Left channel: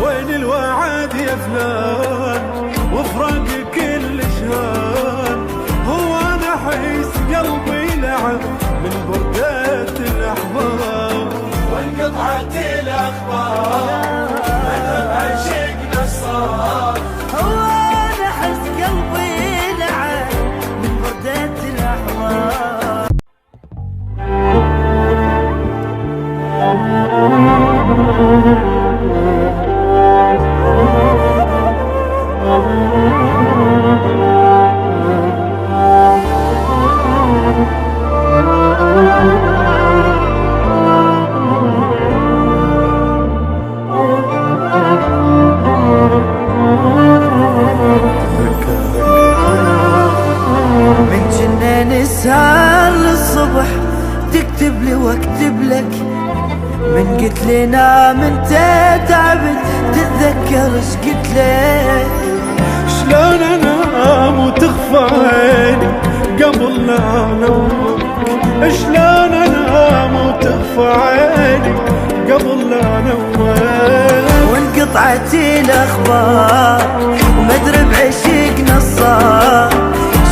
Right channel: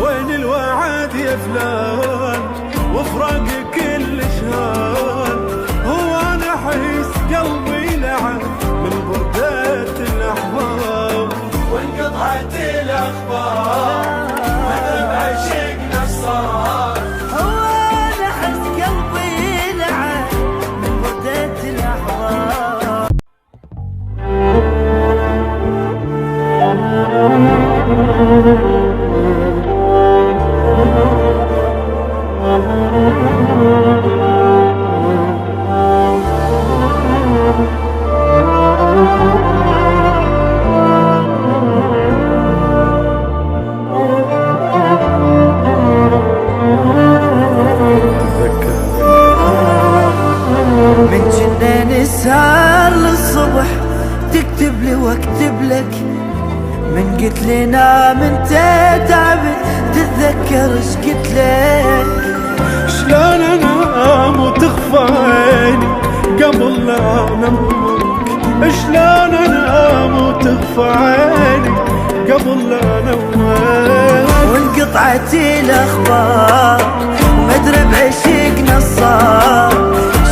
وين الوعد يا فلان وفراق كل شهان، هو انا احس قلبي لعب من بردة الاحباب وانقطعت الاخبار. هو انا احس قلبي لعب من بردة الاحباب. من جنة نسهر للصبح تكتب لي واكتب لك، من قلت لي نام انت تعبت تتذكر ايش قلت لك. شلون انام وتخفى عيني قبل لا انومك، شلون انام وتخفى عيني قبل لا انومك. وانقطعت الاخبار ومدري بعشقنا صار،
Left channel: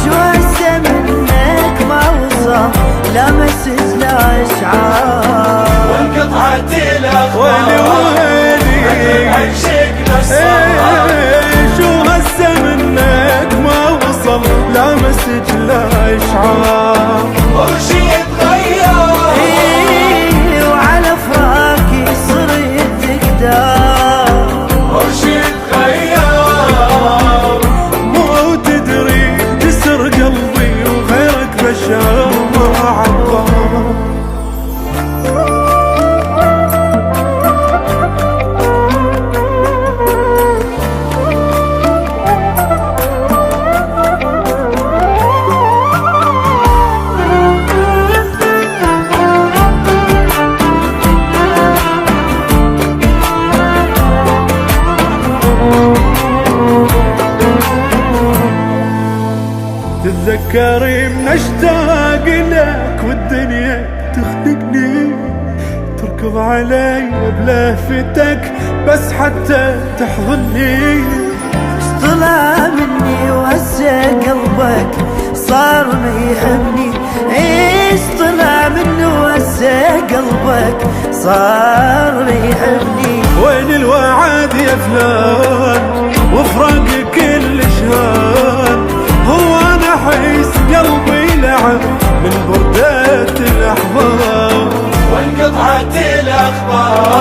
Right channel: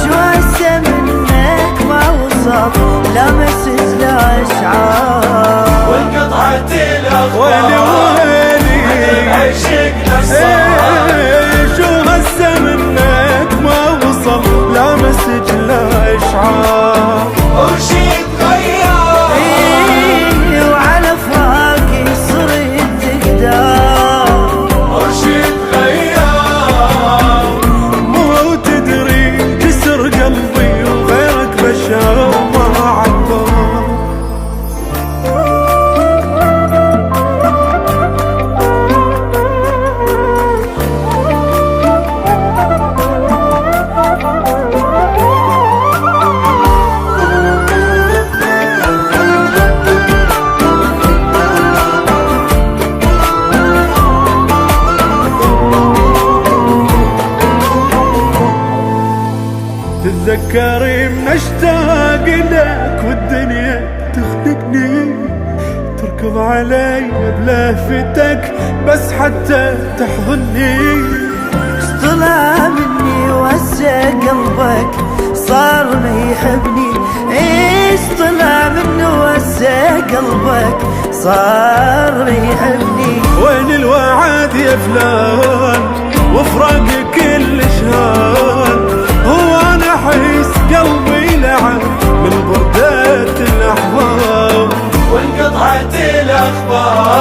شو هسه منك ما وصل لا مسج لا اشعار. وانقطعت الاخبار ويلي ويلي شو هسه منك ما وصل لا مسج لا اشعار. وعلى فراقي صرت تقدر مو تدري جسر قلبي وغيرك بشر ما عبر. تتذكري من اشتاق لك والدنيا تخنقني، تركض علي بلهفتك بس حتى تحضني. اش طلع مني وهسه قلبك صار ما يحبني، ايش طلع مني وهسه قلبك صار ما يحبني. وين الوعد يا فلان وفراق كل شهان، هو انا احس قلبي لعب من بردة الاحباب وانقطعت الاخبار.